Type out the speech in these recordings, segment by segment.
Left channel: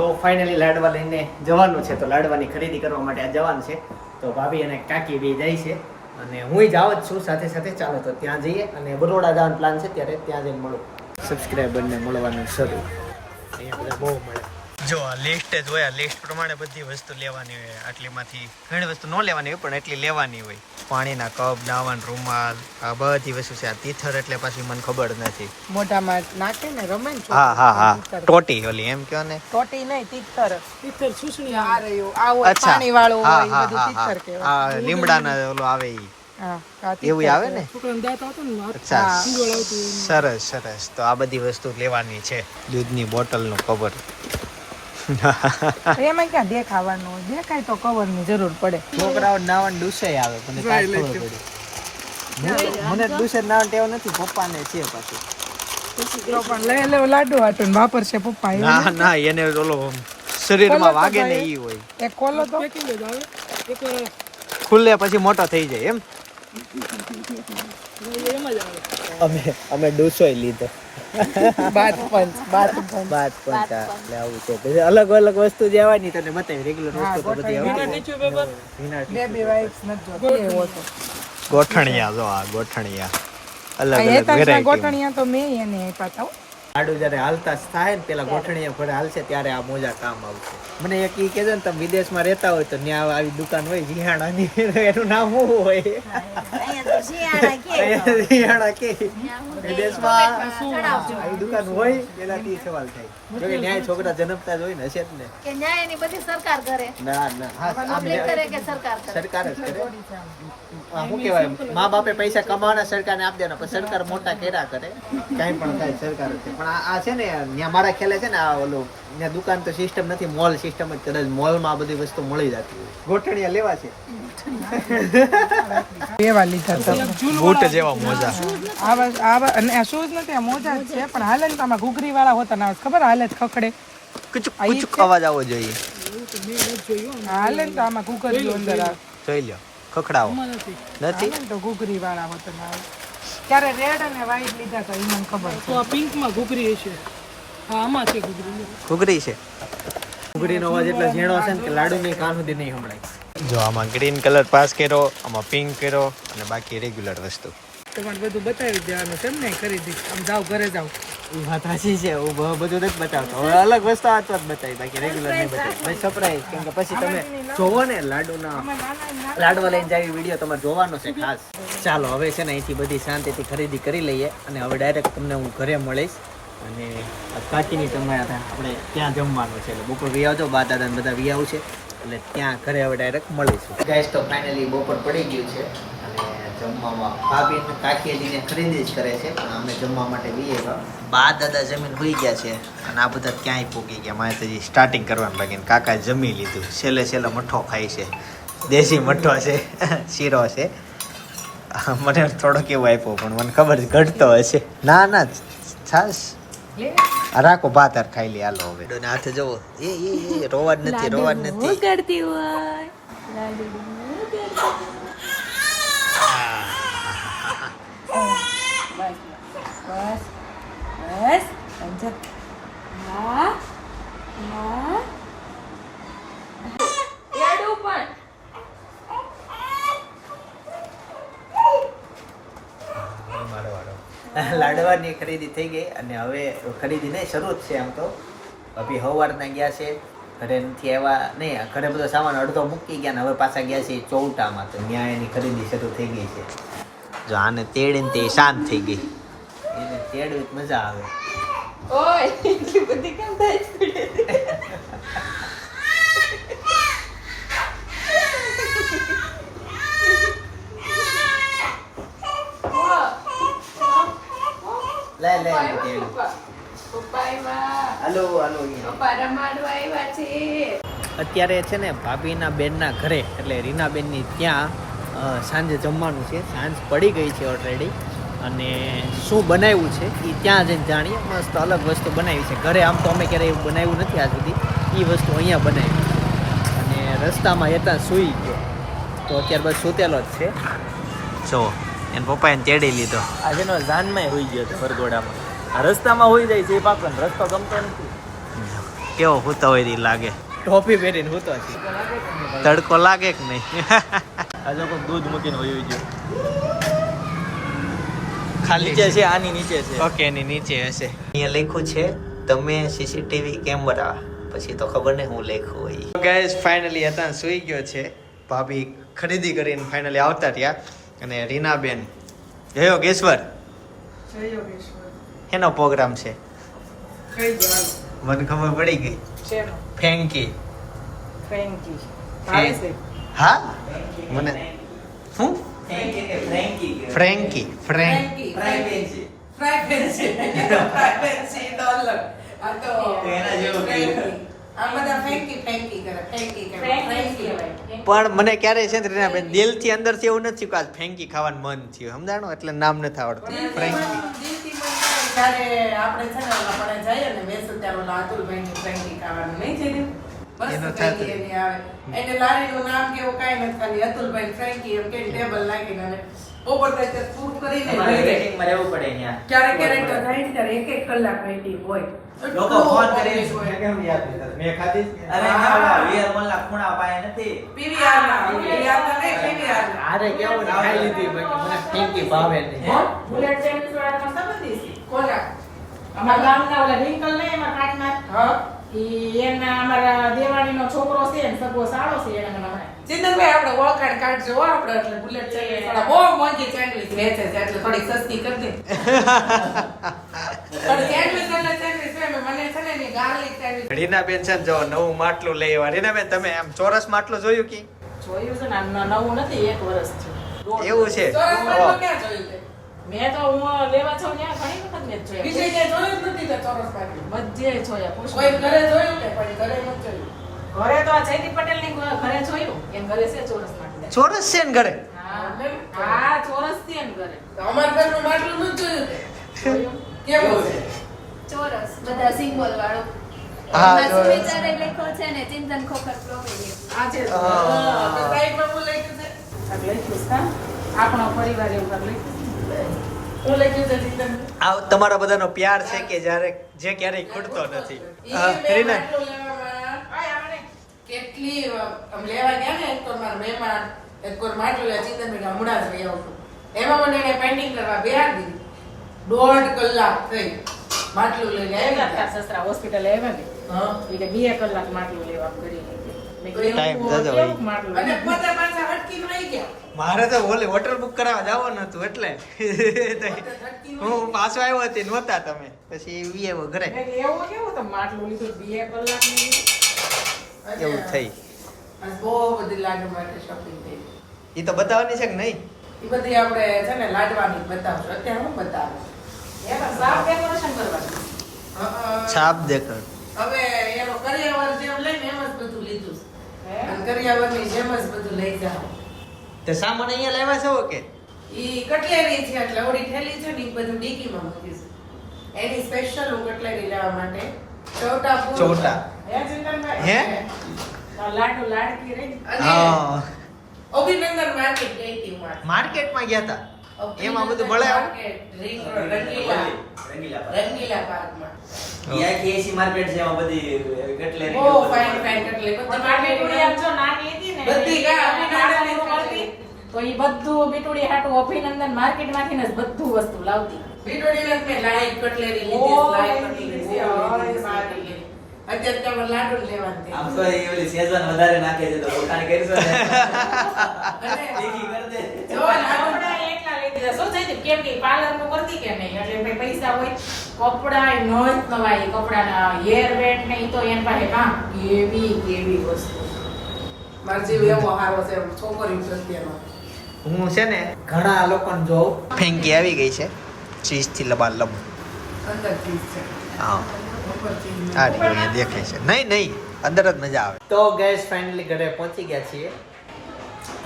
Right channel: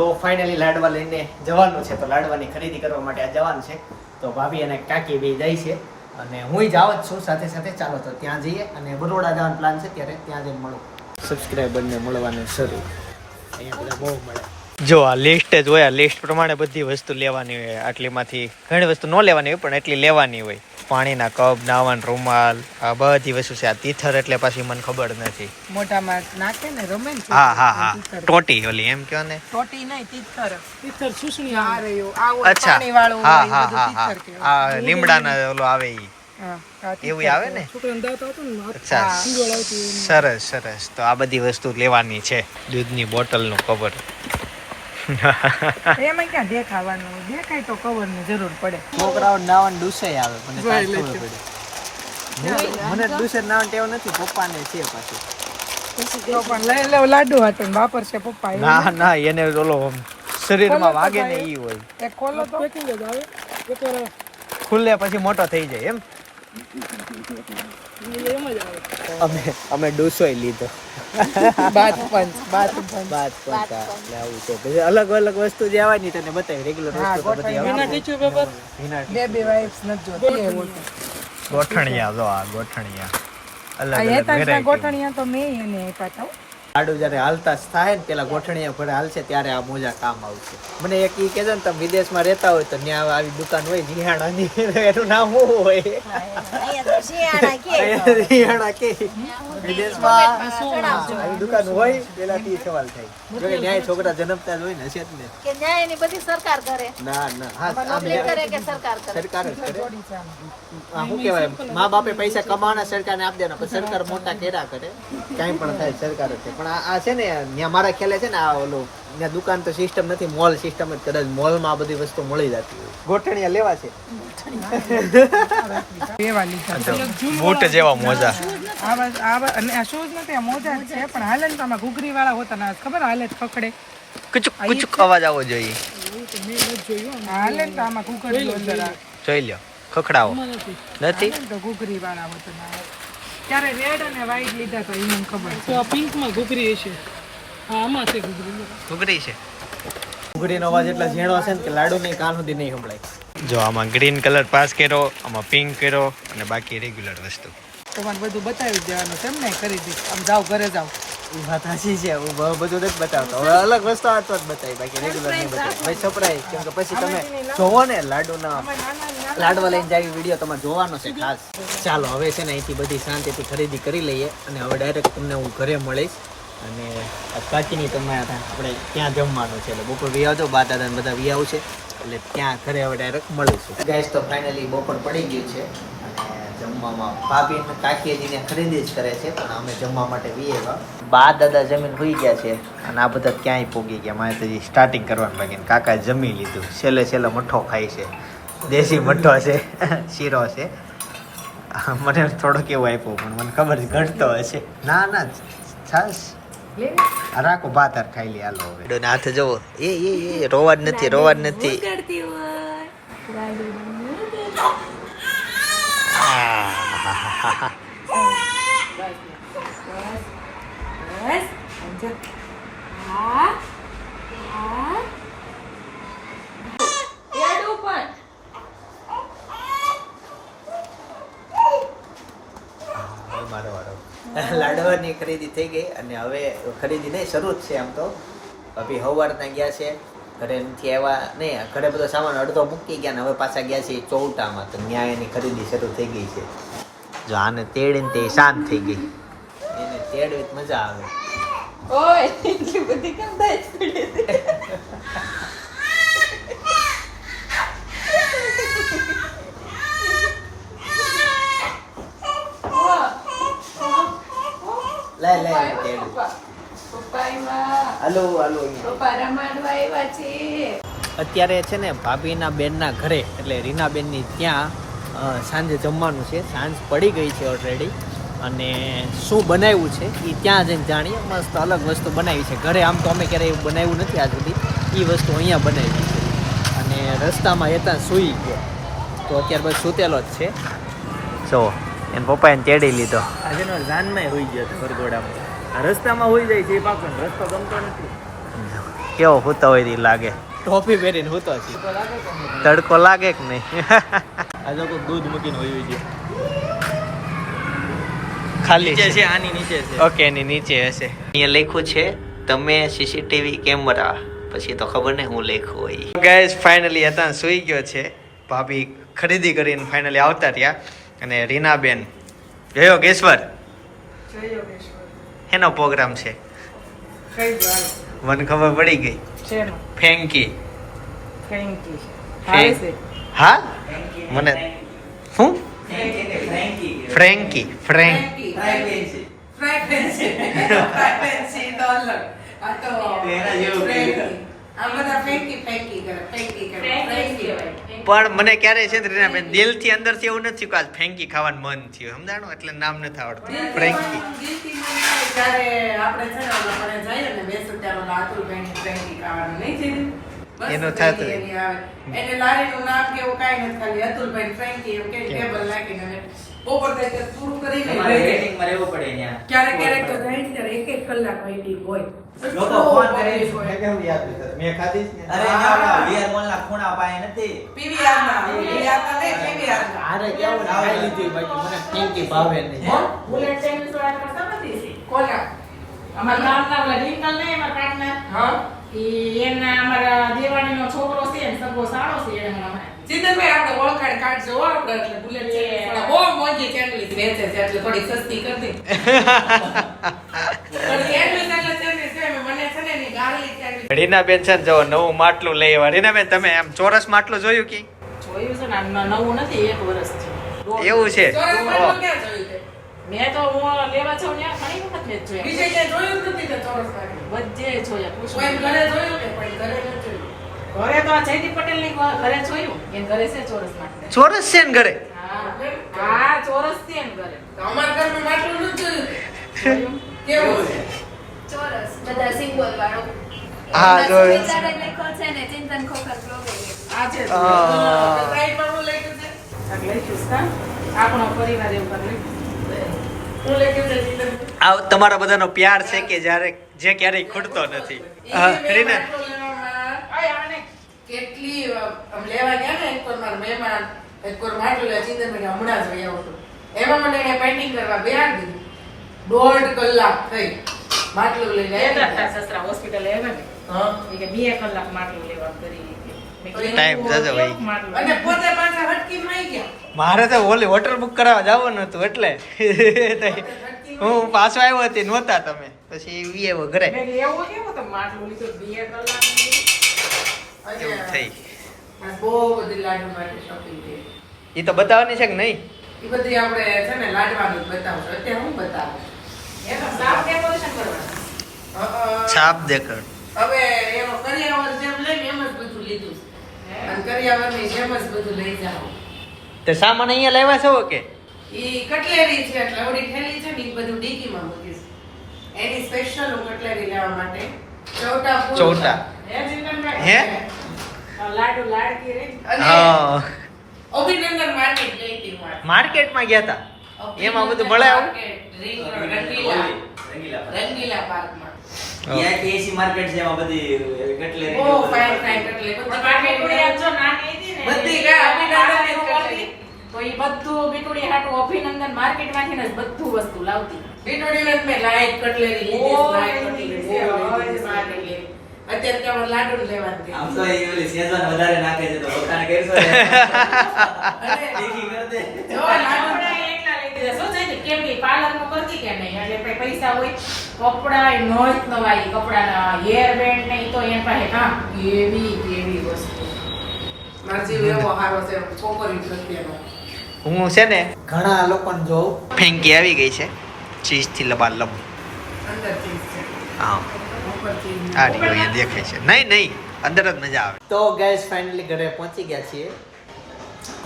તો ફાઇનલી લાડવા લઈને જવાનું છે. તો લાડવાની ખરીદી કરવા માટે આ જવાનું છે. તો ભાભી અને કાકી બે જાય છે. અને હું જાઉં જ છું. સાથે સાથે ચાલો તો ત્યાં જઈએ અને બરોડા જવાનો પ્લાન છે. ત્યારે ત્યાં જઈને મળું. સબસ્ક્રાઈબરને મળવાનું શરૂ. અહીંયા બધા બહુ મળે. જો આ લિસ્ટ જ હોય આ લિસ્ટ પ્રમાણે બધી વસ્તુ લેવાની હોય. આટલીમાંથી ઘણી વસ્તુ ન લેવાની હોય પણ એટલી લેવાની હોય. પાણીના કપ નાવાન રૂમાલ આ બધી વસ્તુ છે. આ તીથર એટલે પાછી મને ખબર નથી. મોઢામાં નાખે ને રમે હા હા હા. ટોટી ઓલી એમ કયો ને? ખોટી નહીં તીતર તીતર સુસણી આ રહ્યું અચ્છા. હા હા હા હા. લીમડાના ઓલો આવે ઈ. એવું આવે ને? અચ્છા. સરસ સરસ. તો આ બધી વસ્તુ લેવાની છે. દૂધની બોટલનું કવર એમાં ક્યાં દેખાવાનું દેખાય તો કવરની જરૂર પડે. છોકરાઓ નાવન ડૂસે આવે મને કાંઈ ખબર પડી. મને ડૂસે નાવન ટેવ નથી પપ્પાને છે પાછી. લાડુ હતું વાપરશે પપ્પા ના ના એને ઓલો શરીરમાં વાગે ને ઈ હોય. ખુલ્લે પછી મોટો થઈ જાય એમ. અમે અમે ડોસોય લીધો. બાત પંચ બાત પંચ. બાત પંચ એટલે આવું છે. પછી અલગ અલગ વસ્તુ જે આવવાની તને બતાવી. રેગ્યુલર વસ્તુ તો બધી આવતી બે બે વાઇફ્સ નથી જોતી. ગોઠણિયા. જો આ ગોઠણિયા. અલગ અલગ વેરાયટી ગોઠણિયા તો મેં એને આપ્યા હતા જયારે હાલતા થાય ને પેલા ગોઠણીએ ઘરે હાલશે ત્યારે આ મોજા કામ આવશે. મને એક ઈ કહેજો ને તમે વિદેશમાં રહેતા હોય તો ત્યાં આવી દુકાન હોય જીહાણાની એનું નામ શું હોય? જીહાણા કે. વિદેશમાં આવી દુકાન હોય પેલાથી સવાલ થાય. જો કે ન્યાય છોકરા જન્મતા જ હોય ને હશે જ ને. કે ન્યાય એની બધી સરકાર કરે. ના ના. હા આમ કરે કે સરકાર કરે? સરકાર જ કરે. શું કહેવાય? મા બાપે પૈસા કમાવાના સરકારને આપી દેના પણ સરકાર મોટા કેરા કરે. કાંઈ પણ થાય સરકાર જ છે પણ આ છે ને ત્યાં મારા ખ્યાલે છે ને આ ઓલું ત્યાં દુકાન તો સિસ્ટમ નથી મોલ સિસ્ટમ જ કદાચ મોલમાં આ બધી વસ્તુ મળી જતી હોય. ગોઠણિયા લેવા છે. બૂટ જેવા મોજા. અને શૂઝ નથી મોજા છે પણ હાલે તો આમાં ઘૂઘરી વાળા હોતા ના ખબર હાલે ખખડે. કુચુક કુચુક અવાજ આવવો જોઈએ. જોઈ લ્યો ખખડાવો. નથી. ઘૂઘરી વાળા હોતા ના. ત્યારે રેડ અને વ્હાઈટ લીધા હતા એ મને ખબર છે. પિંકમાં ઘૂઘરી છે હા આમાં છે ઘૂઘરી ઘૂઘરી છે. ઘૂઘરીનો અવાજ એટલો ઝીણો છે ને કે લાડુ ની કાન સુધી નહીં સંભળાય. જો આમાં ગ્રીન કલર પાસ કર્યો આમાં પિંક કર્યો અને બાકી રેગ્યુલર વસ્તુ. તમારે બધું બતાવી દેવાનું કેમ ને કરી દઈશ. આમ જાઓ, ઘરે જાઓ. એ વાત સાચી છે. હું બધું નથી બતાવતો. હવે અલગ વસ્તુ આ તો બતાવી. બાકી રેગ્યુલર નહીં બતાવી. ભાઈ સપરાય કેમ કે પછી તમે જોવો ને, લાડુના લાડવા લઈને જાય વીડિયો તમારે જોવાનો છે ખાસ. ચાલો, હવે છે ને અહીંથી બધી શાંતિથી ખરીદી કરી લઈએ અને હવે ડાયરેક્ટ તમને હું ઘરે મળીશ. અને કાચીની તમે આપણે ત્યાં જમવાનું છે. એટલે બપોર વી આવજો. બા દાદા બધા વી આવશે. એટલે ત્યાં ઘરે હવે ડાયરેક્ટ મળીશું. ગાઈસ તો ફાઇનલી બપોર પડી ગયું છે. જમવામાં ભાભી ને ખરીદી જ કરે છે પણ અમે જમવા માટે આવ્યા બા દાદા જમીન હોઈ ગયા છે અને આ બધા ક્યાંય પૂગી ગયા? મારે તો સ્ટાર્ટિંગ કરવાનું બાકી કાકા જમી લીધું. છેલ્લે છેલ્લે મઠ્ઠો ખાય છે. દેશી મઠ્ઠો છે. શીરો છે. મને થોડોક એવો આપ્યો પણ મને ખબર છે ઘટતો હશે. ના ના છાસ રાખો ભાતર ખાઈ લે હાલો હવે. હાથે જવો એ એ એ રોવા જ નથી રોવા જ નથી. હા મારો લાડવાની ખરીદી થઈ ગઈ અને હવે ખરીદી નહીં શરૂ જ છે આમ તો અભી સવારના ગયા છે ઘરે નથી આવ્યા નહીં ઘરે બધો સામાન અડધો મૂકી ગયા ને હવે પાછા ગયા છે ચૌટામાં તો ન્યાયની ખરીદી શરૂ થઈ ગઈ છે જો આને તેડીને તે શાંત થઈ ગઈ. એને તેડવી મજા આવે. ઓય એટલી બધી કેમ થાય લે લે એને તેડવી. પપ્પા આવ્યા હાલો અત્યારે છે ને ભાભીના બેનના ઘરે એટલે રીનાબેનની ત્યાં સાંજે જમવાનું છે. સાંજ પડી ગઈ છે ઓલરેડી અને શું બનાવ્યું છે એ ત્યાં જઈને જાણીએ. મસ્ત અલગ વસ્તુ બનાવી છે. ઘરે આમ તો અમે ક્યારેય એવું બનાવ્યું નથી આજ સુધી. એ વસ્તુ અહીંયા બનાવી છે. અને રસ્તામાં એતા સૂઈ ગયો. તો અત્યાર બસ સૂતેલો જ છે. જો એને પપ્પાએ તેડી લીધો. આજે નો જાનમાં હોઈ ગયો હતો વરઘોડામાં. આ રસ્તામાં હોઈ જાય છે એ પાકો રસ્તો ગમતો નથી. કેવો હૂતો હોય લાગે. ટોપી પહેરીને હોતો છે. તડકો લાગે કે નહીં? આ જો દૂધ મૂકીને હોયું છે. ખાલી છે. આની નીચે છે. ઓકે એની નીચે હશે. અહીંયા લખ્યું છે તમે સીસીટીવી કેમેરા. પછી તો ખબર નહીં હું લખ્યું હોય. ગાઈઝ ફાઇનલી હતા સુઈ ગયો છે. ભાભી ખરીદી કરીને ફાઇનલી આવતા રહ્યા. અને રીનાબેન. ગયો કેશ્વર જય એનો પ્રોગ્રામ છે. મને ખબર પડી ગઈ. ફેંકી ફેંકી હા? મને શું? Frankie Frank. પણ મને ક્યારે છે ને રીનાબેન દિલથી અંદરથી એવું નથી કે આજ ફેંકી ખાવાનું મન થયું. સમજાણો? એટલે નામ નથી આવડતું. ફ્રેન્કી આપણે છે ને જઈએ ને વેસુ ત્યારે ફ્રેન્કી ખાવાનું નહીં છે એનું થાતું. એની આવે. એને લારીનું નામ કેવું કાંઈ નથી ખાલી અતુલભાઈ ફ્રેન્કી એમ કે ટેબલ નાખીને હવે બપોર થાય પૂરું કરીને તમારે લઈ માં રહેવું પડે અહીંયા. ક્યારેક ક્યારેક તો ને ત્યારે એક એક કલાક waiting હોય લોકો ફોન કરી હોય. મેં ખાધી અરે હા, મોલ ના ખૂણા પાય નથી. પીવીઆર ના, પીવીઆર ના નહીં, PVR ના. કેવું ખાઈ લીધી બાકી મને ફેંકી ભાવે નહીં બુલેટ સેન્ડવિચ વાળામાં સંબંધી છે. કોના? અમારા ગામના ઓલા રિંકલ નહીં, અમારા કાટના હા? એમના અમારા દેવાણીનો છોકરો છે ને સગો સાળો છે એને મને ચિંતનભાઈ આપણે ઓળખાણ કાઢજો આપણે એટલે બુલેટ સેન્ડવિચ બહુ મોંઘી સેન્ડવિચ વેચે છે એટલે થોડીક સસ્તી કરી દે. થોડી સેન્ડવિચ એટલે સેન્ડવિચ મને છે ને એની garlic સેન્ડવિચ રીનાબેન છે જો નવું માટલું લઈ આવ્યા. રીનાબેન તમે આમ ચોરસ માટલું જોયું કે? જોયું છે ને નવું નથી એક વર્ષ છે. એવું છે? ચોરસ માટલું ક્યાં જોયું તે? મેં તો હું લેવા જાઉં ત્યાં ઘણી વખત મેં જોયા. બીજે જે જોયું જ નથી તે ચોરસ. બધે જોયા પૂછ કોઈ ઘરે જોયું કે પણ ઘરે ન જોયું? ઘરે તો આ જયદીપ પટેલની ઘરે જોયું એમ ઘરે છે ચોરસ માટે. ચોરસ છે ને ઘરે? હા હા ચોરસ છે ને ઘરે. અમારા ઘરમાં માટલું ન જોયું કેવો છે? ચોરસ બધા સિમ્બોલ વાળો. હા. વિચારે લખ્યો છે ને ચિંતન ખોખર આજે આ છે. આ. ટ્રાય કરવું લખ્યું છે? આપણો પરિવાર એવું લખ્યું છે. હું લખ્યું છે ચિંતન આ તમારા બધાનો પ્યાર છે કે જ્યારે જે ક્યારેય ખૂટતો નથી. હા, ઈ મેં રીના. માટલું લેવામાં. ઓય, આને. કેટલી લેવા ગયા ને એક મારા મહેમાન એક કોર માટલું લે ચિંતન મેં હમણાં જ આવું એમાં મને એને પેઇન્ટિંગ કરવા બેહાડી દોઢ કલાક થઈ માટલું લઈને એના સસરા હોસ્પિટલે આવ્યા ને. હા. કે બે કલાક માટલું લેવા કરી મેં કીધું, જજો ભાઈ. અને પોતે પાછા હટકીને આવી ગયા. મારે તો ઓલી હોટલ બુક કરાવવા જવાનું હતું એટલે. હું પાછો આવ્યો હતી નહોતા તમે. પછી એ આવ્યો ઘરે. એવું એવું થઈ. એ તો બતાવવાની છે કે નહીં? એ બધી આપણે છે ને લાડવાની બતાવશું અત્યારે હું બતાવું છાપ દેખાડ. હવે કરિયાવર જેમ લઈને એમ જ બધું લીધું છે. અને કરિયાવરની જેમ જ બધું લઈ જાઓ. તે સામાન અહીંયા લાવ્યા છો કે? ઈ કટલેરી છે એટલે ઓલી ઠેલી છે ને ઈ બધું ડીકીમાં મૂકીશ એની સ્પેશિયલ હું કટલેરી લેવા માટે ચોટા ચોટા? હે, ચિંતનભાઈ? હે? લાડુ લાડકી રહી. હા. અભિનંદન માર્કેટ ગઈ હતી માર્કેટમાં ગયા હતા એમાં બધું મળે આવું? Market, ring road, Rangila. Rangila. Park. Rangila પાર્કમાં. ત્યાંથી એસી માર્કેટ છે એમાં બધી કટલેરી બહુ ફાઇન ફાઇન કટલેરી તો પૂરી આજ નાની હતી ને, બધી કા અભિનંદનની તો કરતી. બધું બીટુડી હાટુ અભિનંદન માર્કેટમાંથી ને બધું વસ્તુ લાવતી. બીટોડીને મેં કટલેરી લીધી કટલેરી. અત્યારે તમે લાડુ આમ તો એ ઓલી સેઝવાન વધારે નાખે છે તો પોતાને કરશો અને તીખી દે. જો લાડુ. કપડાં એટલા લઈ છે કે પાર્લર કે કરતી કે નહીં? એટલે ભાઈ પૈસા હોય કપડાં ન જ કમાય. કપડાના હેર બેન્ડ ને તો એન પાસે કામ. કેવી કેવી વસ્તુ. મારો જીવ એવો હારો છે છોકરી પ્રત્યેનો હું છે ને ઘણા લોકોને જોઉં. ફેંકી આવી ગઈ છે. ચીઝથી લબા. લબ અંદર ચીઝ છે. હા. આ રહ્યો દેખાય છે. નહીં નહીં. અંદર જ મજા આવે. તો ગેસ ફાઇનલી ઘરે પહોંચી ગયા છીએ.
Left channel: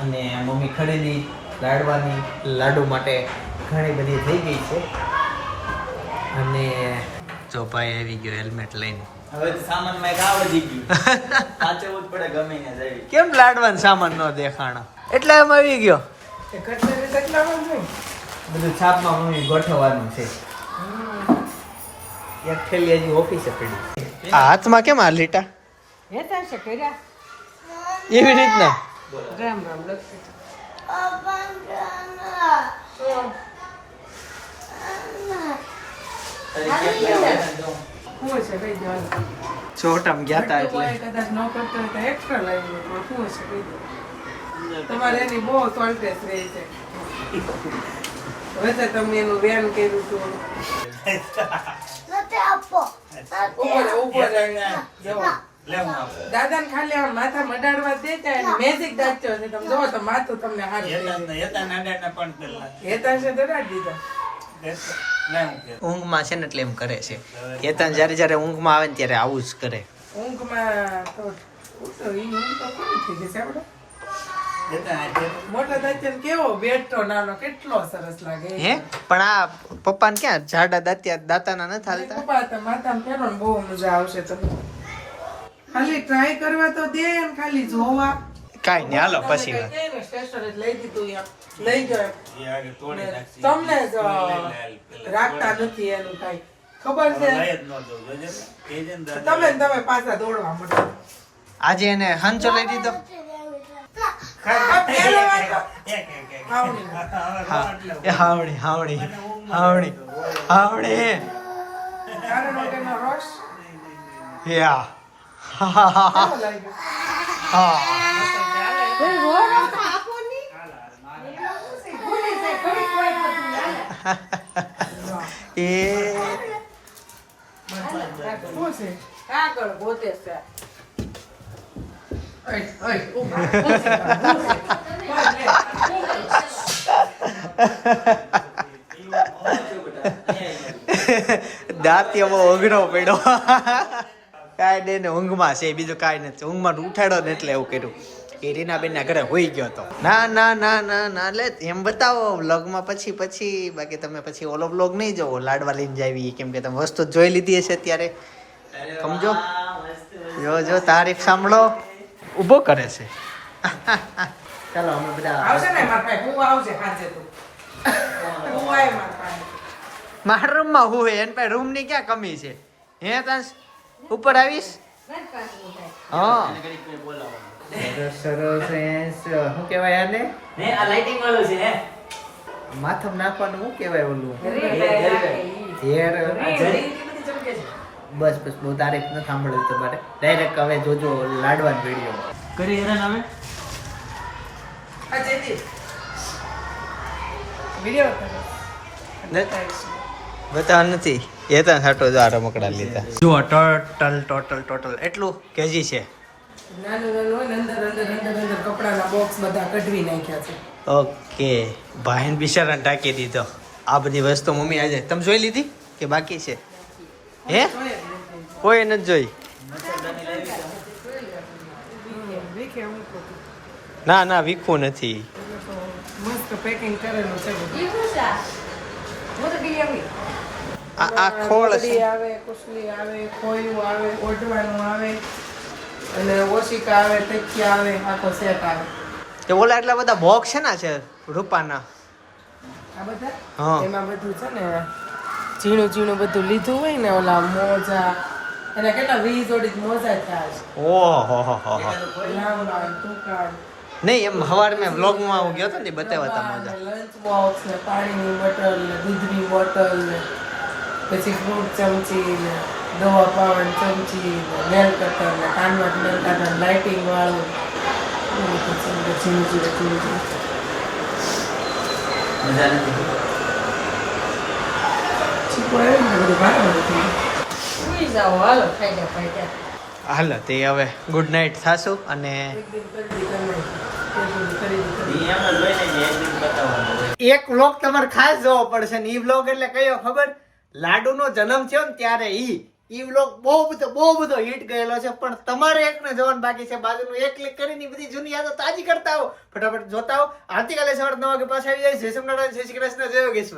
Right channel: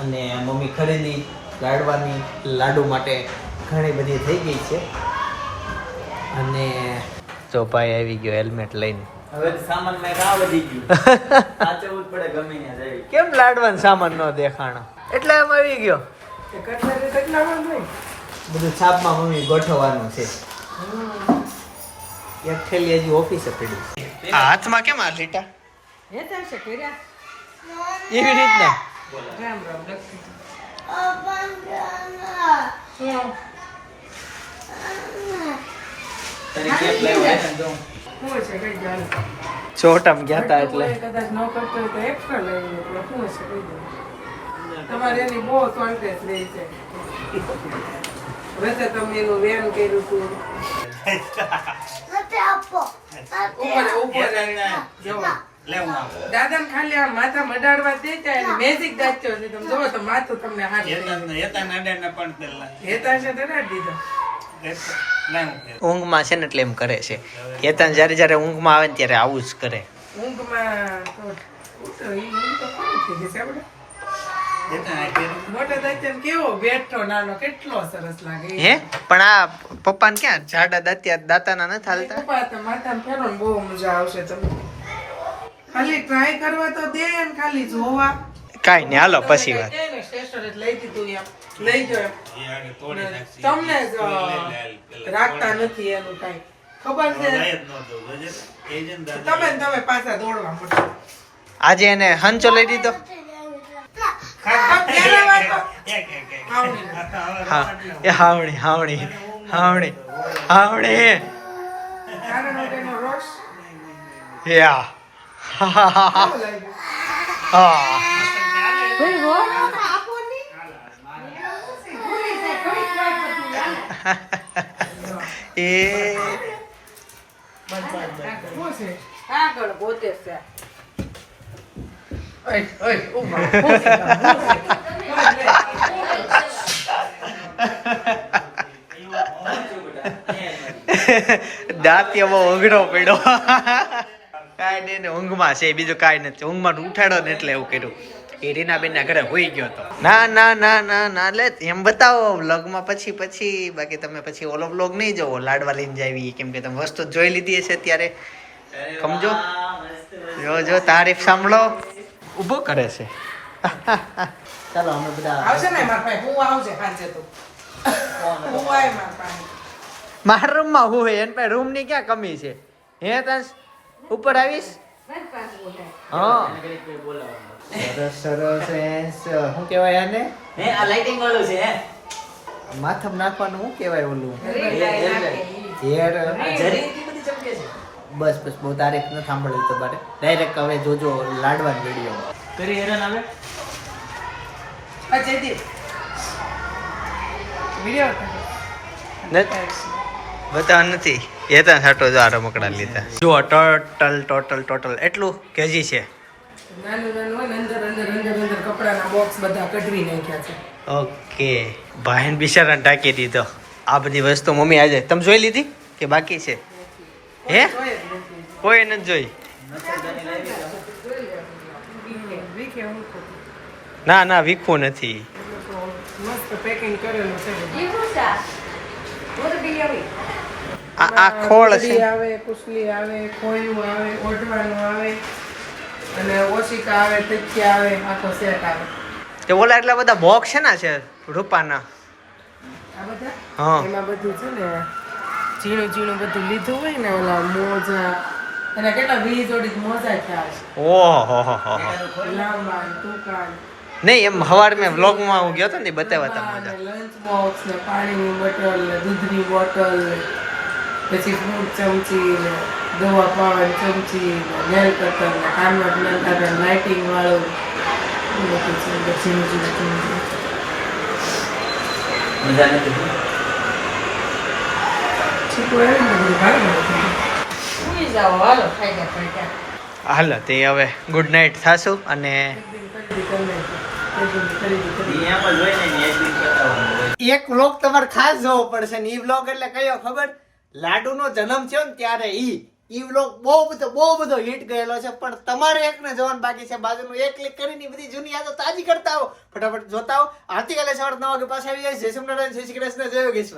અને મમ્મી ખરીદી લાડવાની લાડુ માટે ઘણી બધી થઈ ગઈ છે. અને ચોપાઈ ભાઈ આવી ગયો હેલ્મેટ લઈને. કેમ લાડવાનું સામાન ન દેખાણા? એટલે એમ આવી ગયો. બધું છાપમાં મમ્મી ગોઠવવાનું છે. એક થેલી હજી ઓફિસે પડી. આ હાથમાં કેમ આ લીટા? એવી રીતના? ચોટામ ગયા તા એટલે. કદાચ ન કરતો હોય તો extra લાવ્યું હોય શું હશે કહી તમારે એની બહુ શોર્ટેજ રહી છે. વચ્ચે તમે એનું વ્યાયામ કર્યું હતું ઉપર ઉપર ખાલી આ માથા મડાડવા દેતા અને મેજિક દાચ્યો છે. તમે જોવો તો માથું તમને હાથ હેતા છે દડાડી દીધો. ઊંઘમાં છે ને એટલે એમ કરે છે. કેતન જ્યારે જ્યારે ઊંઘમાં આવે ને ત્યારે આવું જ કરે. ઊંઘમાં પણ આ પપ્પાને ક્યાં? જાડા દાંતિયા દાતાના નથી હાલતા? પપ્પા બહુ મજા આવશે તમને. ખાલી ટ્રાય કરવા તો દે ખાલી જોવા. કાંઈ નહીં હાલો પછી વાત. તમને રાખતા નથી એનું કાંઈ. ખબર છે? તમે તમે પાછા દોડવા માંડો આજે એને હંચો લઈ દીધો હાવણી. હાવણી હાવણી હાવણી રસ? યા. હા હા હા હા કેવો લાગ્યો? હા એ? આગળ ગોતે છે. અઘરો પડ્યો. કાંઈ ને ઊંઘમાં છે બીજું કાંઈ નથી. ઊંઘમાં ઉઠાડો ને એટલે એવું કર્યું. એ રીનાબેન ના ઘરે હોઈ ગયો હતો ના ના ના ના ના લે એમ બતાવો વ્લોગમાં પછી પછી બાકી તમે પછી ઓલો વ્લોગ નહીં જોવો લાડવા લઈને જાવી કેમ કે તમે વસ્તુ જોઈ લીધી હશે ત્યારે સમજો? જો જો તારીફ સાંભળો. ઊભો કરે છે. ચાલો અમે બધા આવશે ને મારા પાસે હું આવજે હાજે તો. હું આય મારા પાસે મારા રૂમમાં હું હે એન પાસે રૂમની ક્યાં કમી છે? હે તાસ ઉપર આવીશ? હા. સરસ સરસ એન્સ શું કહેવાય આને? ને આ લાઇટિંગ વાળું છે માથમ નાખવાનું શું કહેવાય ઓલું? જરી હેર બધી ચમકે છે. બસ બસ બહુ તારીખ ન સાંભળ્યું તમારે. ડાયરેક્ટ હવે જોજો લાડવાન વીડિયો કરી હેરાન ઉતારો. બતા નથી. એ તો સાટો જો આ રમકડા લીધા. જો ટોટલ ટોટલ ટોટલ એટલું કેજી છે. નાનું નાનું હોય ને અંદર અંદર અંદર અંદર કપડાના બોક્સ બધા કઢવી નાખ્યા છે. ઓકે. ભાઈને બિચારાને ટાંકી દીધો. આ બધી વસ્તુ મમ્મી આજે તમે જોઈ લીધી કે બાકી છે? હે? કોઈ નથી જોઈ. ના ના વીખું નથી. આ ખોળ છે. આવે કુસલી આવે ખોયું આવે ઓઢવાનું આવે. અને ઓશિકા આવે તકિયા આવે આખો સેટ આવે. તે ઓલા એટલા બધા બોક્સ છે ને છે રૂપાના. આ બધા? હા. એમાં બધું છે ને ઝીણું ઝીણું બધું લીધું હોય ને ઓલા મોજા. અને કેટલા વીસ જોડી મોજા ખ્યાલ ઓહો હો હો હો. લાંબા ટૂંકા. નહીં એમ હવાર મેં વ્લોગમાં હું ગયો હતો ને બતાવ્યા હતા મજા. લંચ બોક્સ ને પાણીની બોટલ ને દૂધની બોટલ ને પછી ફ્રૂટ ચમચી ને દવા પાવાની ચમચી નેલ કટર ને કાનવટ નેલ કટર લાઇટિંગ વાળું. બધું છે ઝીણું ઝીણું ઝીણું ઝીણું. મજા નથી છીપો આવે ને બધું ભારે બધું થઈ જાય. સુઈ જાઓ હાલો ફાયદા ફાયદા હાલો તે હવે ગુડ નાઇટ થાશું અને એક વ્લોગ તમારે ખાસ જોવો પડશે ને એ વ્લોગ એટલે કયો ખબર? લાડુનો જન્મ થયો ને ત્યારે ઈ વ્લોગ બહુ બધો બહુ બધો હિટ ગયેલો છે, પણ તમારે એકને જોવાનું બાકી છે. બાજુનું એક ક્લિક કરીને બધી જૂની યાદો તાજી કરતા આવો. ફટાફટ જોતા આવો. આવતીકાલે સવારે નવ વાગે પાસે આવી જાય. જય શ્રી નારાયણ જય શ્રી કૃષ્ણ, જય યોગેશ્વર.